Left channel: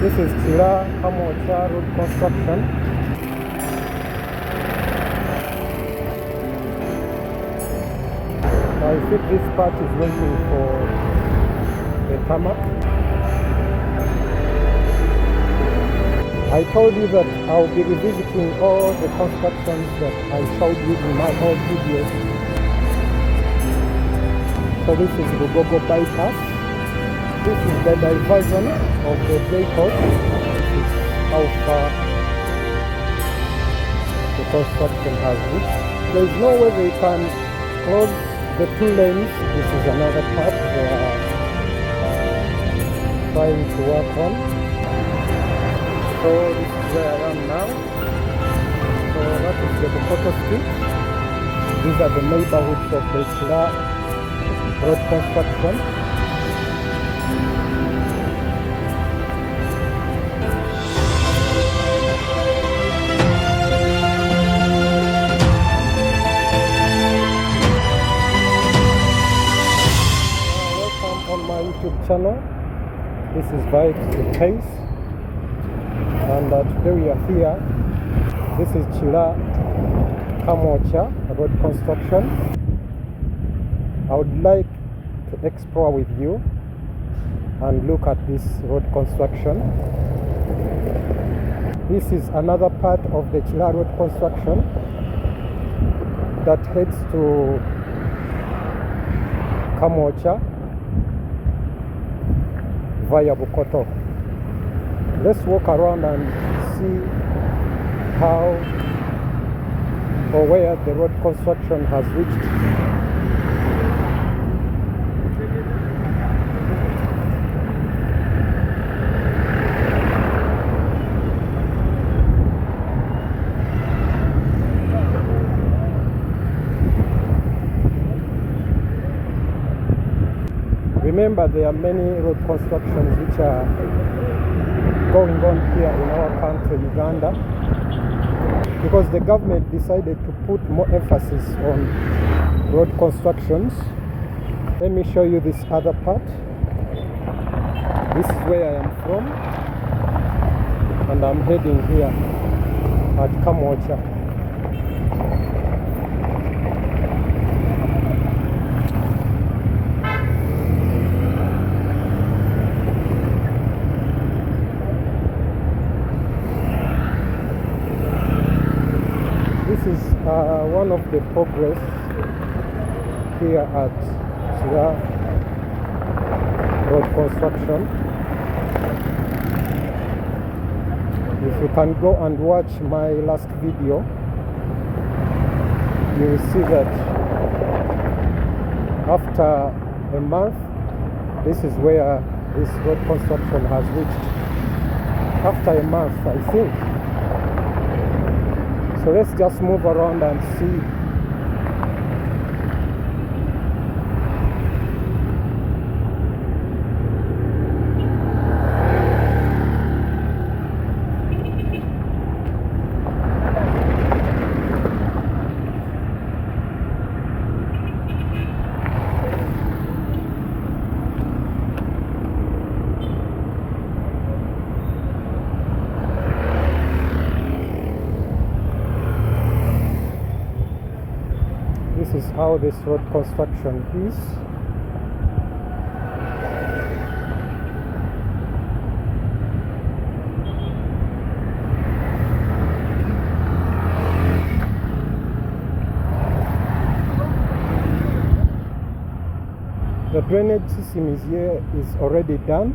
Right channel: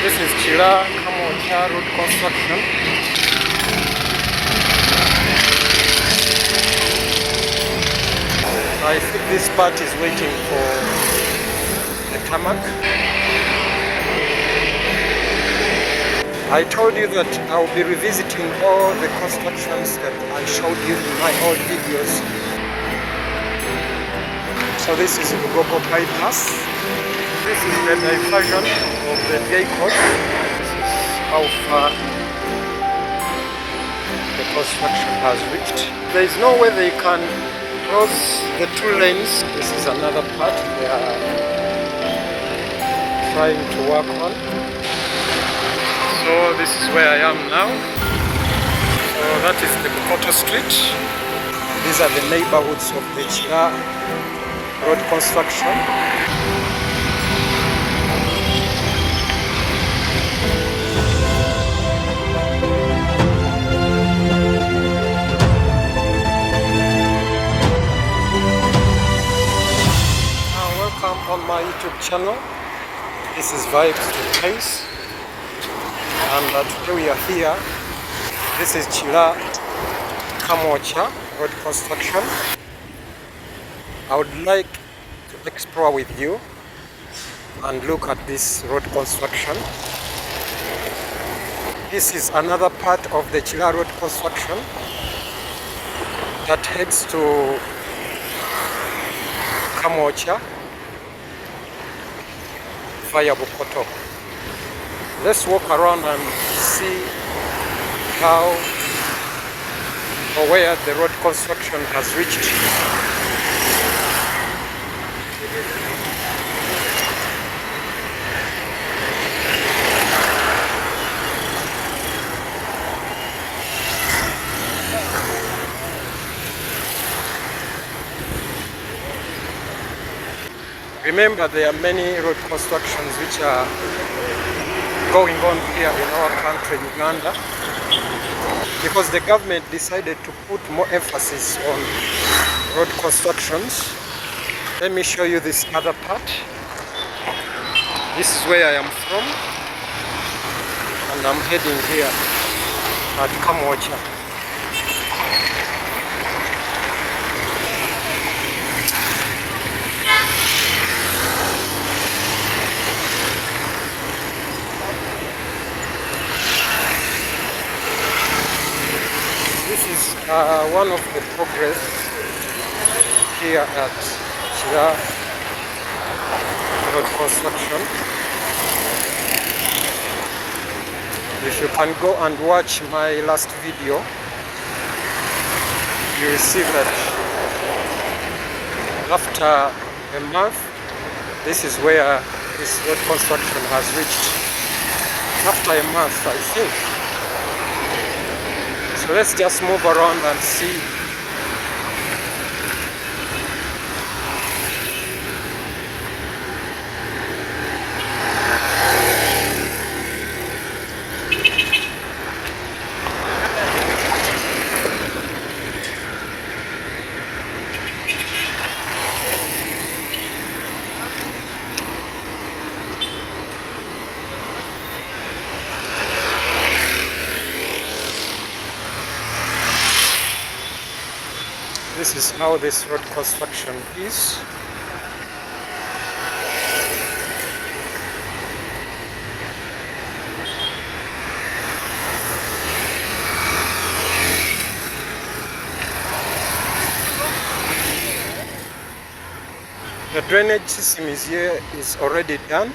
This is Kira Kamwokya road construction. I think this part is waiting for the tarmac. I told you that I'll be revisiting all the constructions that I showed you in my old videos. So this is Lugogo bypass. This is the diversion of the vehicles. This is how far the construction has reached. There is no way they can close the two lanes. This is another part they are trying to work on. So this is where I am now. So that is the Bukoto street. These are the neighborhoods of the Kira road construction. On my YouTube channel. This is Vibes to Pace, and today we are here. This is Kira Kamwokya road construction. I would like to explore with you and look at this road construction. This is another part of the Kira road construction that heads to Kamwokya via Bukoto. Let's walk around and see how or where the road construction has reached. Remember, there are many road constructions which are going on here in our country, Uganda, because the government decided to put more emphasis on road constructions. Let me show you this other part. This is where I am from, and I'm heading here at Kamwokya. This is one of the progress here at Kira road construction. If you can go and watch my last video, you will see that after a month, this is where this road construction has reached. After a month, I think. So let's just move around and see. This is how this road construction is. The drainage system is already done,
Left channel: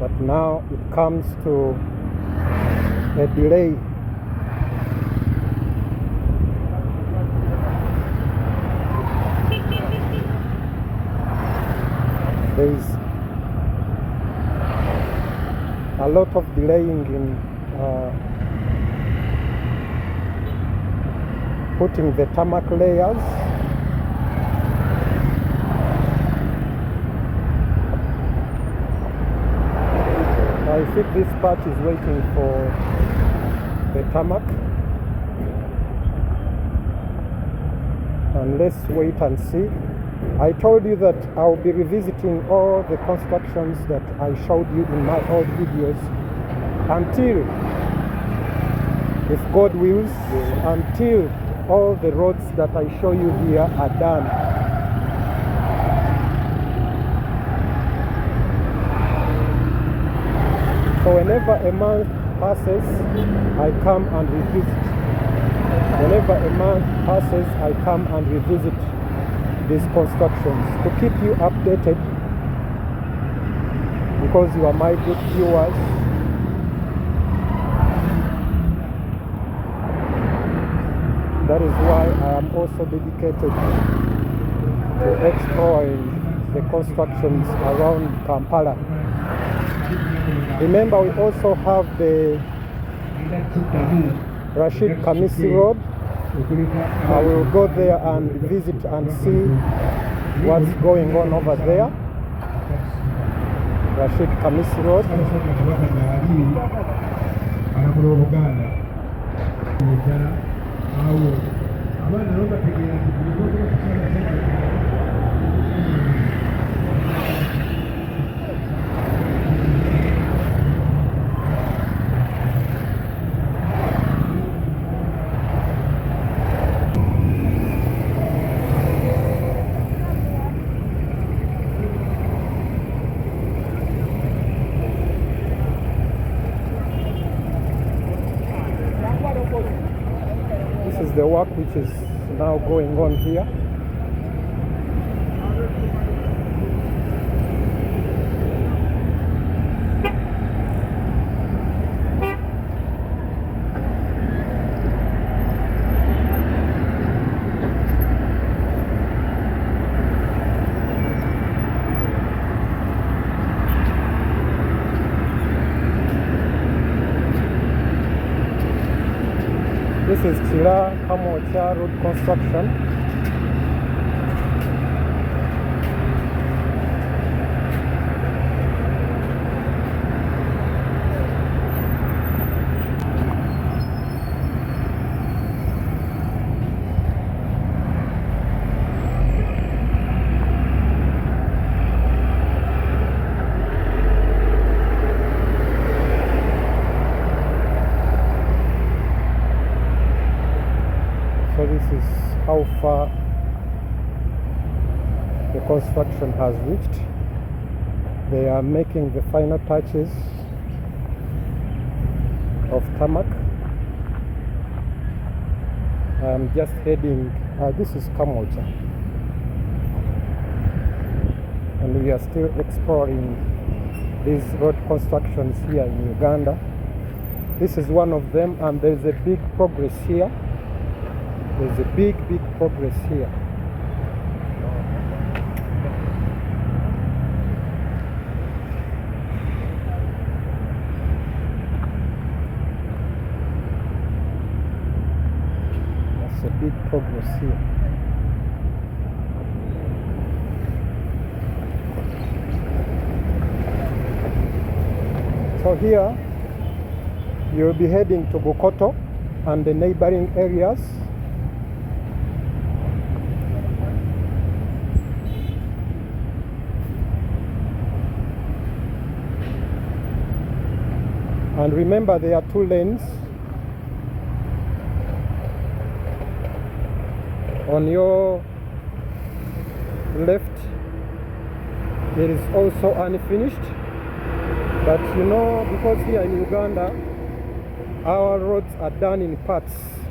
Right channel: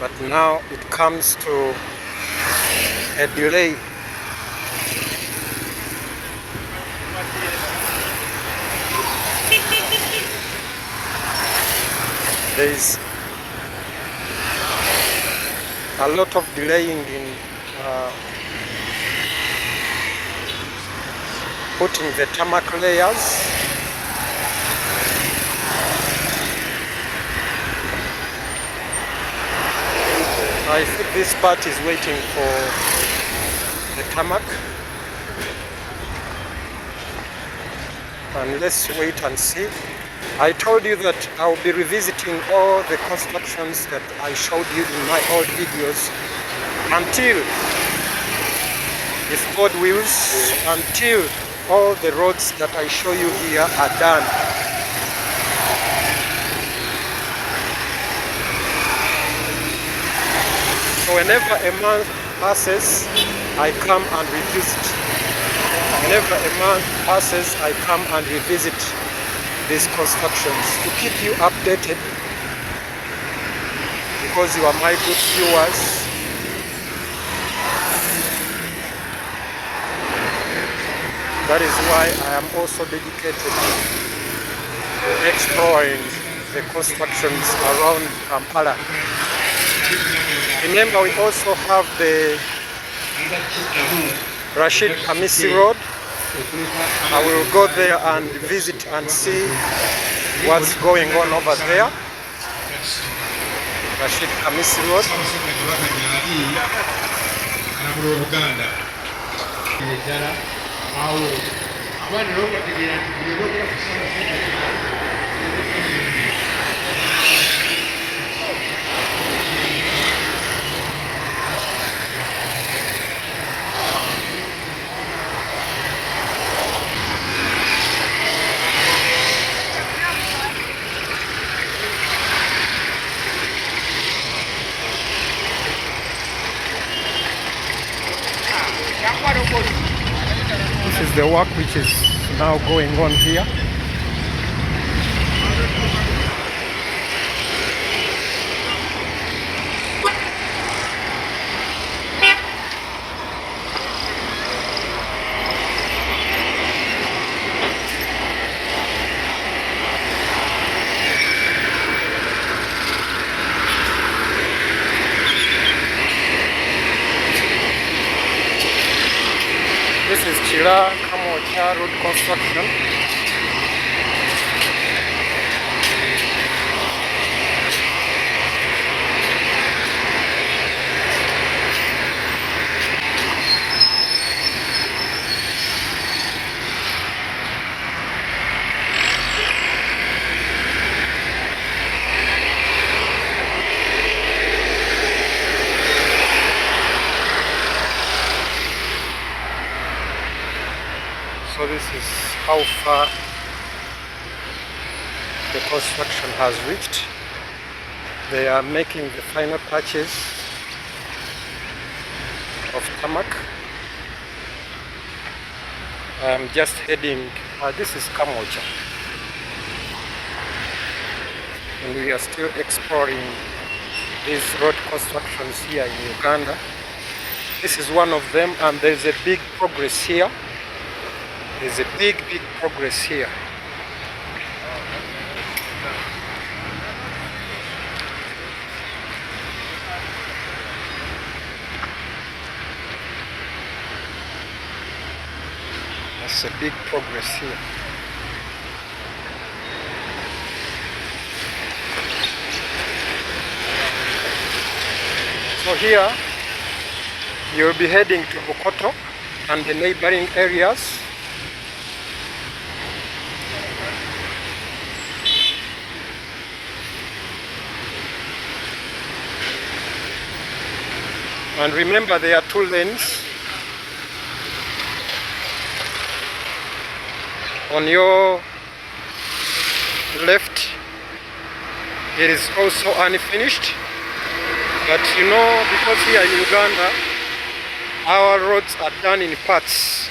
but now it comes to a delay. There is a lot of delaying in putting the tarmac layers. I think this part is waiting for the tarmac, and let's wait and see I told you that I'll be revisiting all the constructions that I showed you in my old videos until, if God wills, until all the roads that I show you here are done. So whenever a month passes, I come and revisit. Whenever a month passes, I come and revisit these constructions to keep you updated, because you are my good viewers. That is why I am also dedicated to exploring the constructions around Kampala. Remember, we also have the Rashid Kamisi Road. I will go there and visit and see what's going on over there. Rashid Kamisi Road. This is the work which is now going on here. This is Kira Kamwokya road construction. So this is how far the construction has reached. They are making the final touches of Tarmac. I am just heading, this is Kamwokya, and we are still exploring these road constructions here in Uganda. This is one of them, and there's a big progress here. There's a big progress here. That's a big progress here. So here you'll be heading to Bukoto and the neighboring areas. And remember, there are two lanes. On your left, it is also unfinished. But you know, because here in Uganda, our roads are done in parts.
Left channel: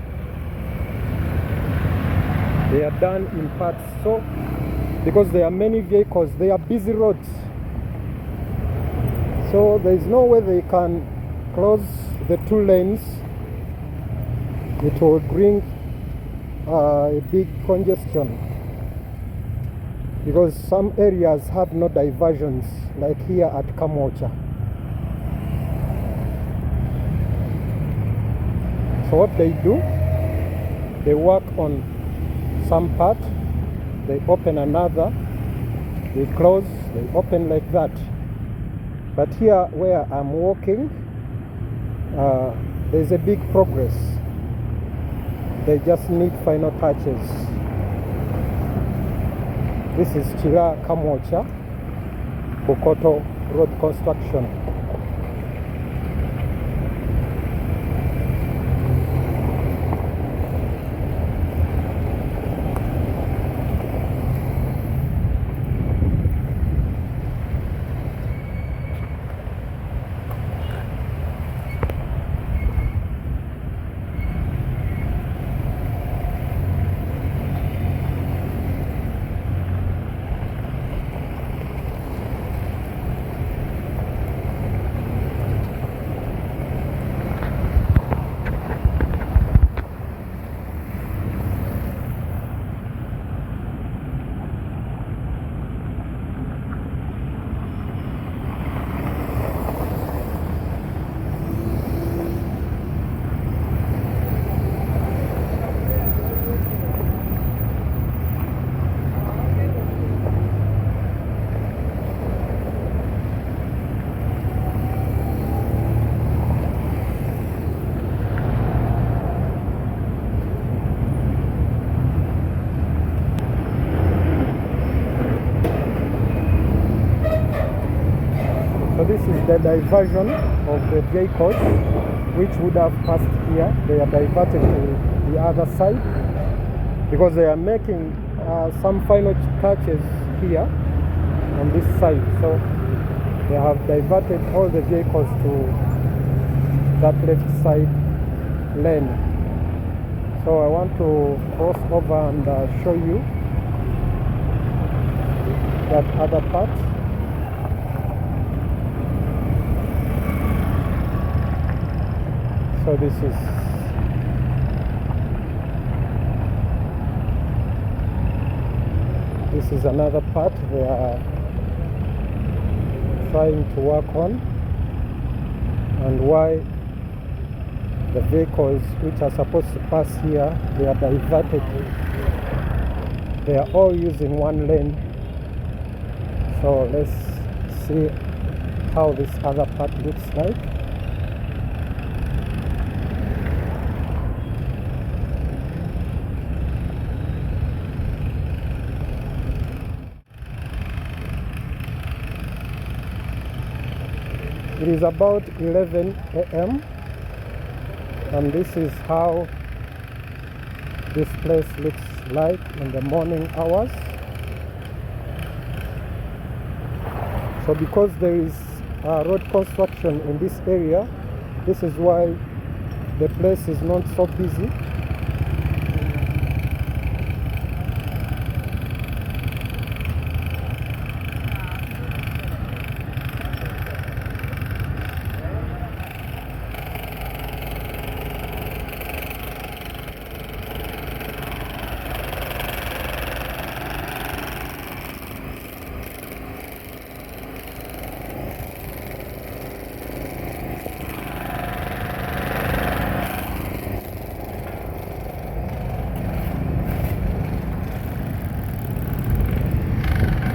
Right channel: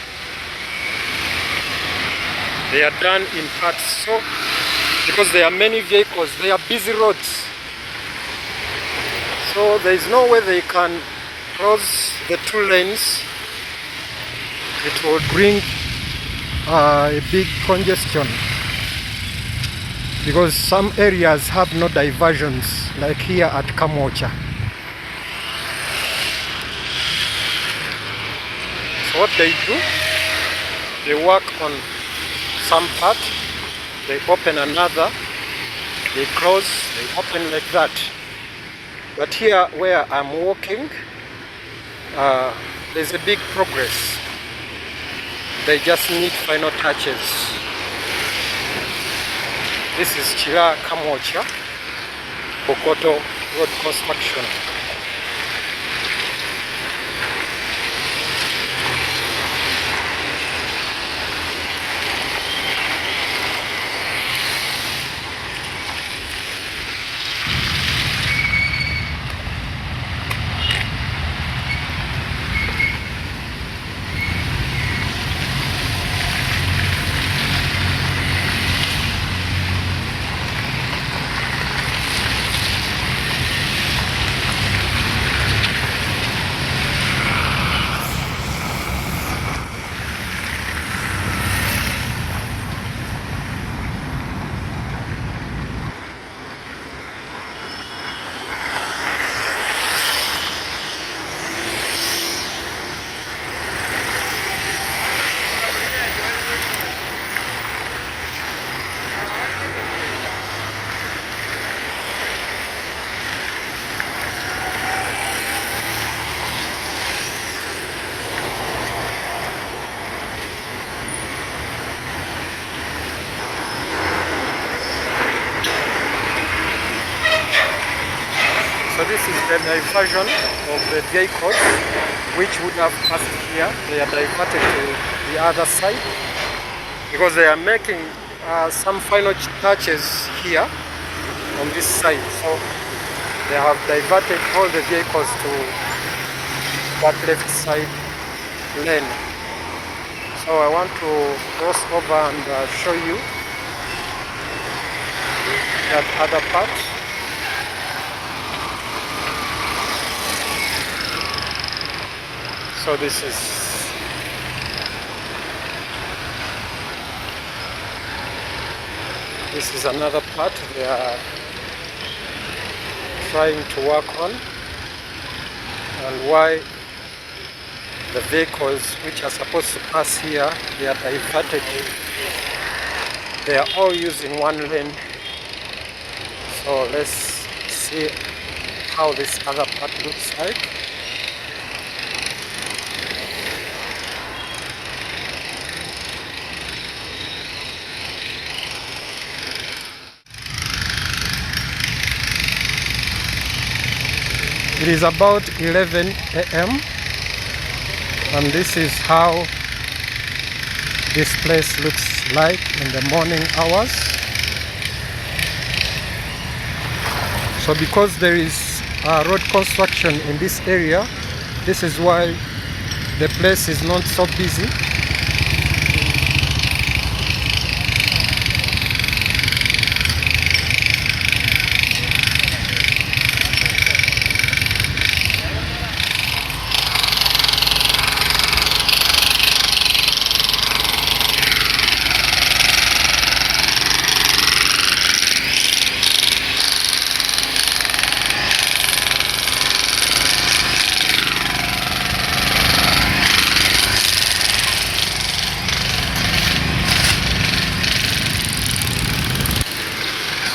They are done in parts. So, because there are many vehicles, they are busy roads. So there is no way they can close the two lanes. It will bring a big congestion, because some areas have no diversions, like here at Kamwokya. So what they do, they work on some part, they open another, they close, they open, like that. But here where I'm walking, there's a big progress. They just need final touches. This is Kira Kamwokya, Bukoto road construction. So this is the diversion of the vehicles which would have passed here. They are diverted to the other side because they are making some final touches here on this side. So they have diverted all the vehicles to that left side lane. So I want to cross over and show you that other part. So this is another part they are trying to work on, and why the vehicles which are supposed to pass here, they are diverted. They are all using one lane. So let's see how this other part looks like. It is about 11 a.m. and this is how this place looks like in the morning hours. So because there is road construction in this area, this is why the place is not so busy.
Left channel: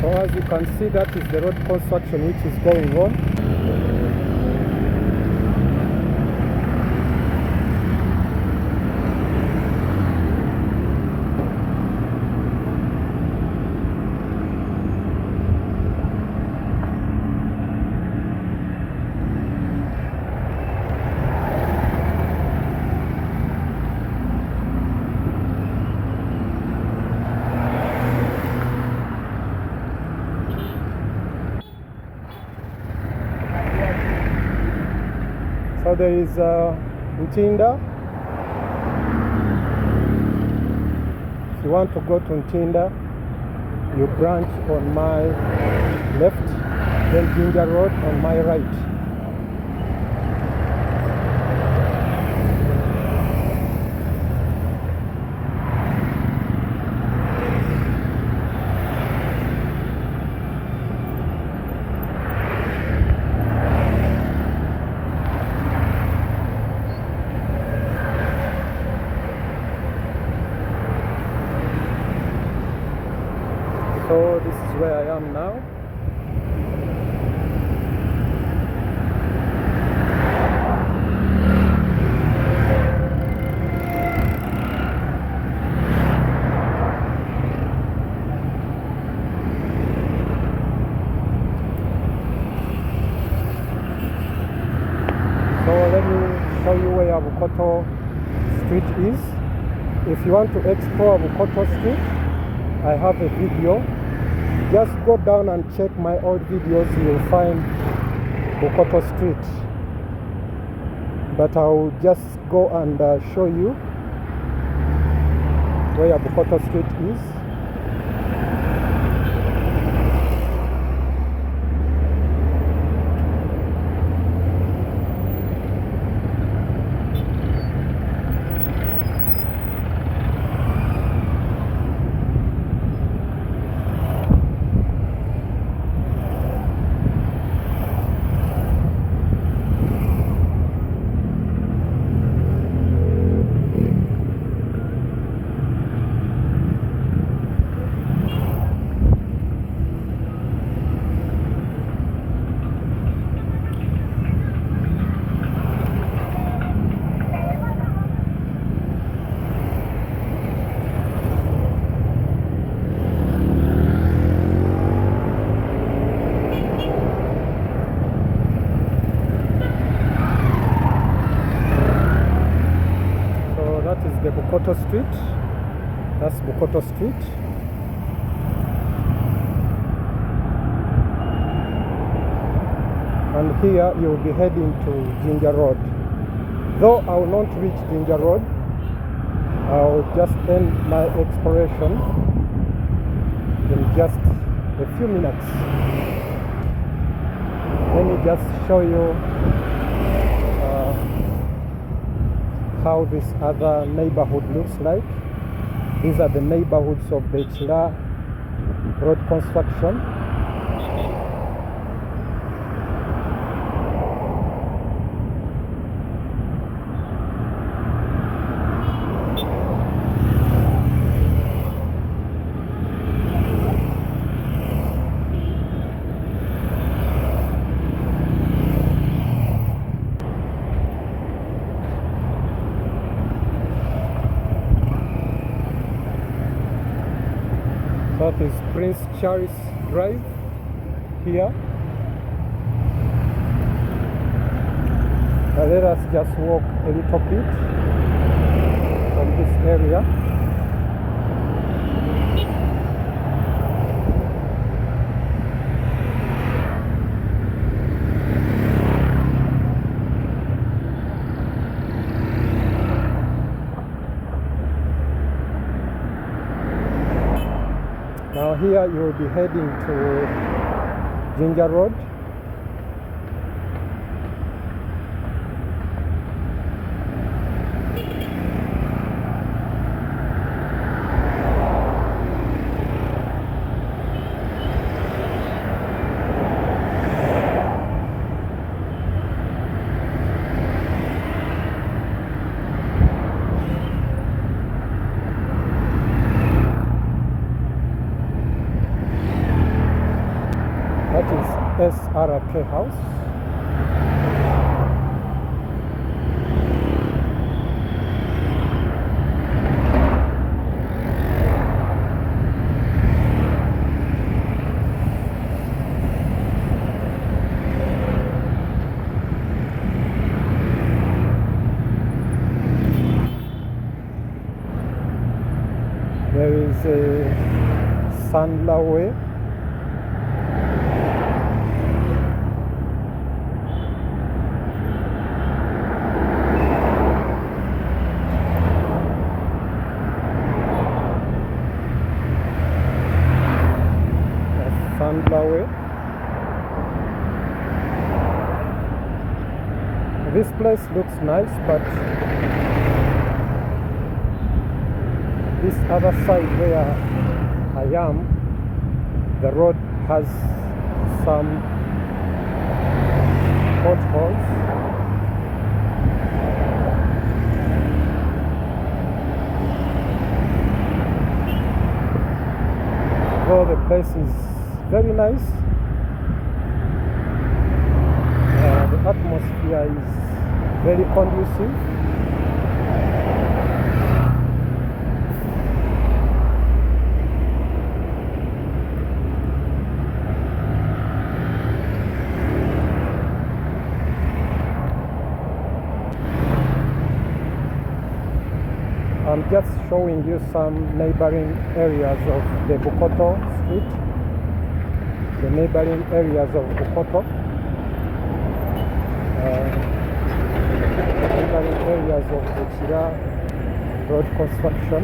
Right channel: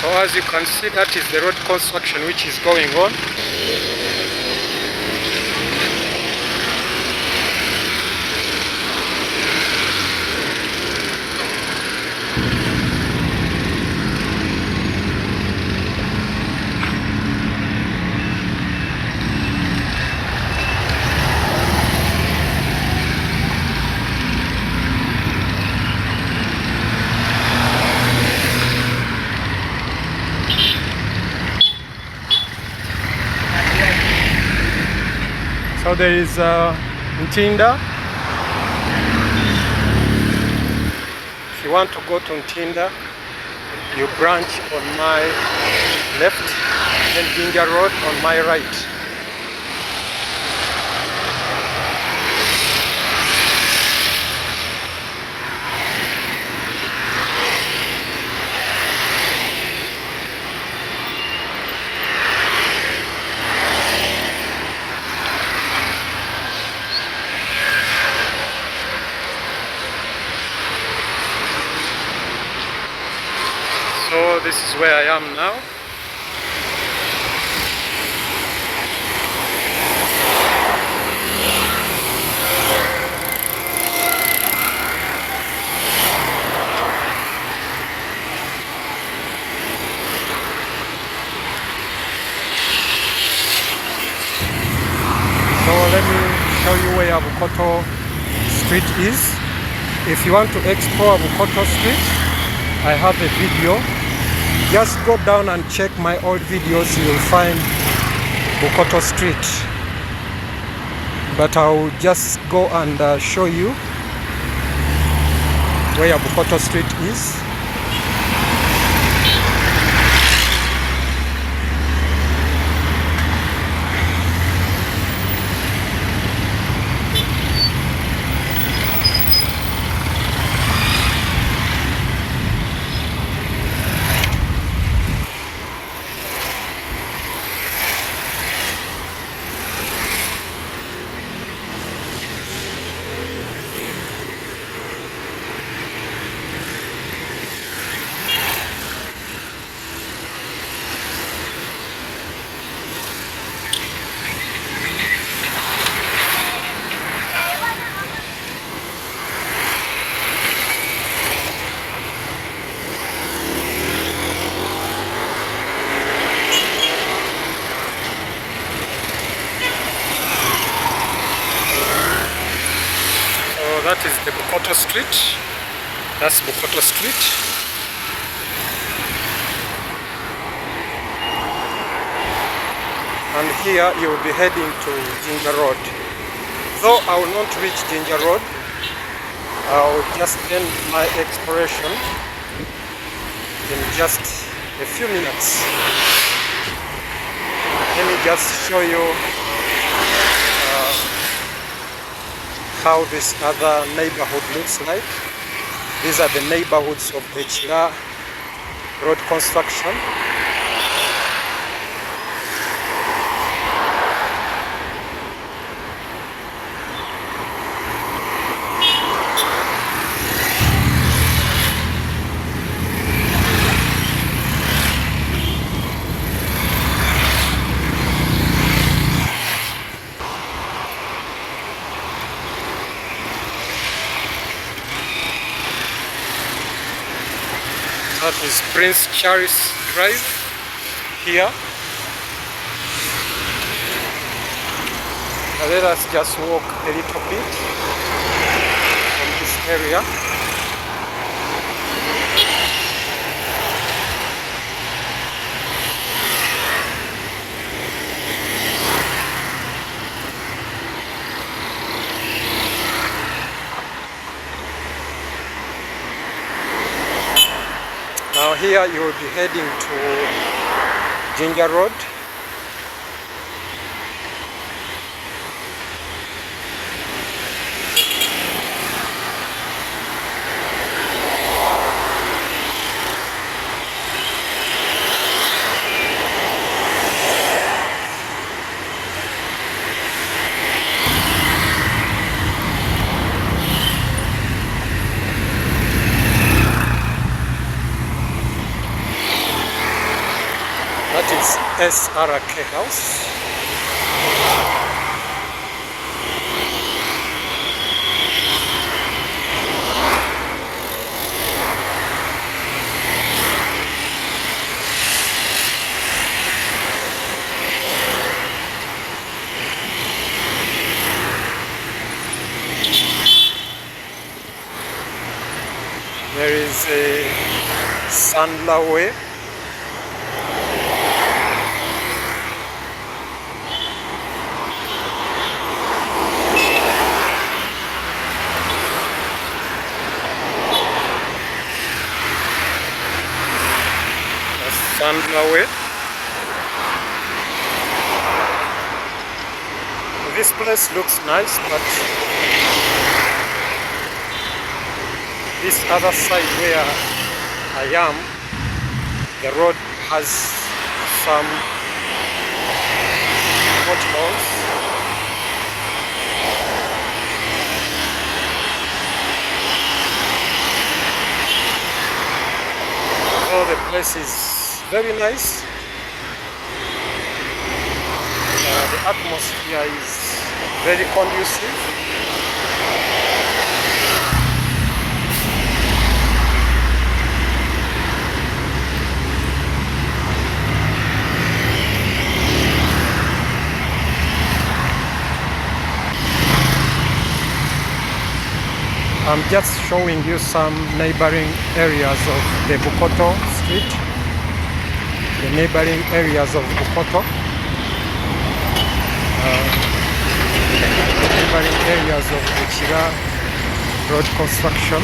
So as you can see, that is the road construction which is going on. So there is Ntinda. If you want to go to Ntinda, you branch on my left, then Jinja Road on my right. So this is where I am now. So let me show you where Bukoto Street is. If you want to explore Bukoto Street, I have a video. Just go down and check my old videos, you'll find Bukoto Street. But I'll just go and show you where Bukoto Street is. That is the Bukoto Street. That's Bukoto Street. And here you will be heading to Jinja Road. Though I will not reach Jinja Road, I will just end my exploration in just a few minutes. Let me just show you how this other neighborhood looks like. These are the neighborhoods of the Kira road construction. That is Prince Charles Drive here. Now let us just walk a little bit from this area. Now here you will be heading to Jinja Road. That is SRK House. There is a Sandler Way. Way. This place looks nice, but this other side where I am, the road has some potholes. Although the place is very nice, the atmosphere is very conducive. I'm just showing you some neighboring areas of the Bukoto street, the neighboring areas of Bukoto, neighboring areas of the Kira road construction.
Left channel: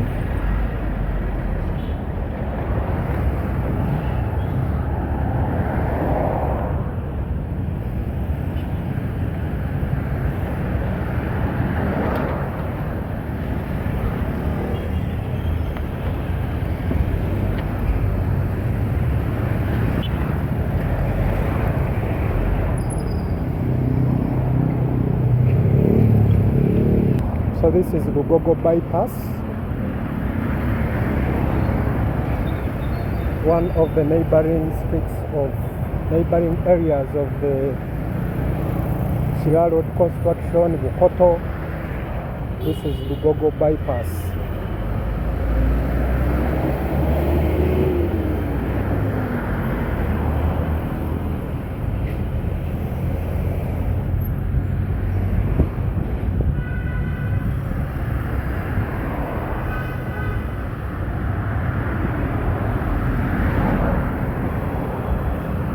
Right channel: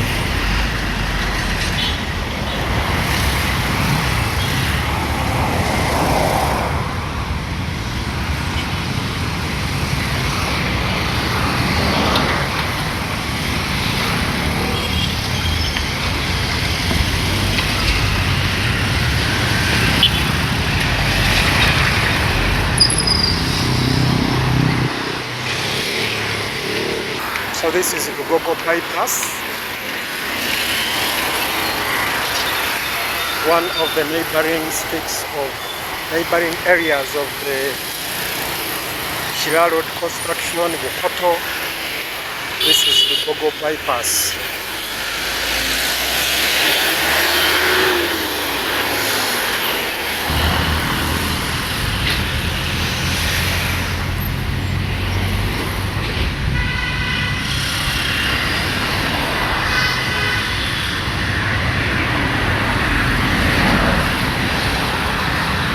So this is Lugogo bypass, one of the neighboring streets of neighboring areas of the Kira road construction, Bukoto. This is Lugogo bypass.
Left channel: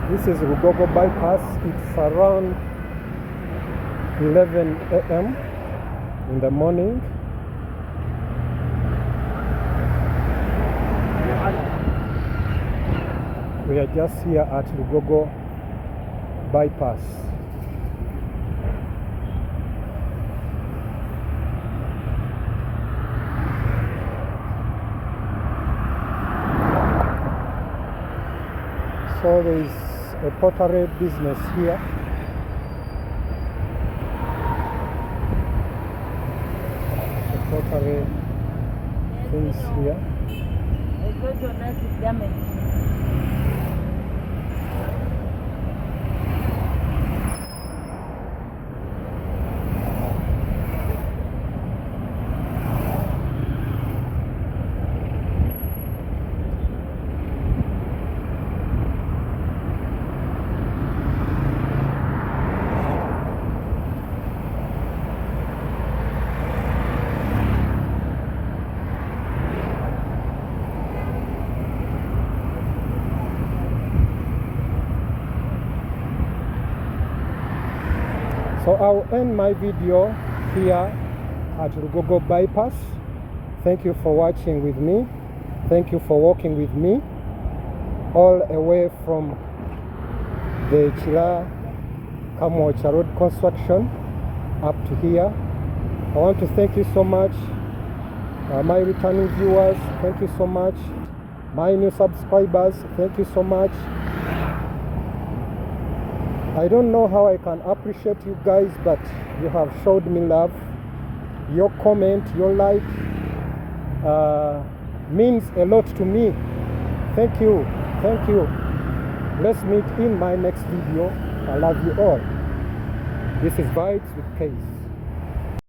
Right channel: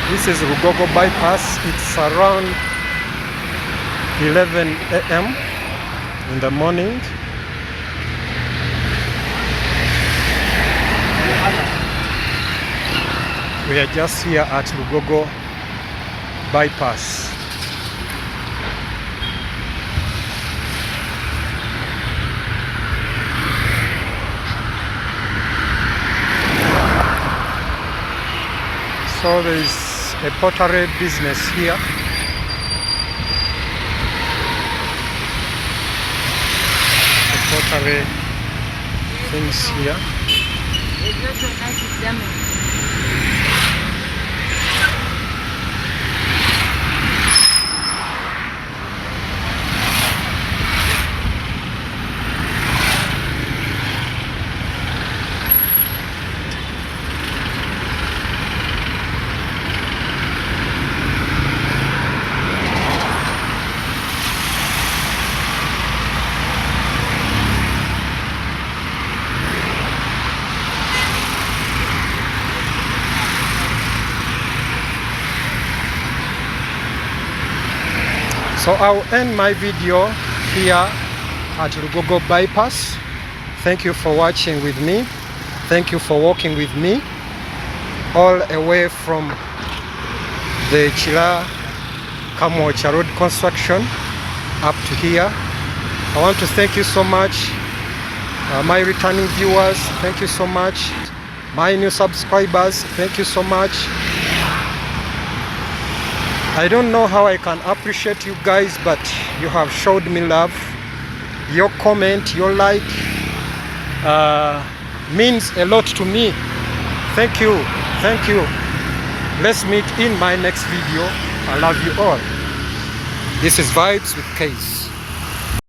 This is Lugogo bypass. It's around 11 a.m. in the morning. We are just here at Lugogo bypass. So there is a pottery business here. The pottery things here. There's also a nice example. So I'll end my video here at Lugogo bypass. Thank you for watching with me. Thank you for walking with me all away from the Kira Kamwokya road construction up to here. I want to thank you so much, my returning viewers. Thank you so much. My new subscribers, thank you so much. I don't know how I can appreciate you guys, but you have showed me love. Your comment, your like means a lot to me. Thank you. Thank you. Let's meet in my next video. I love you all. This is Vibes with Case.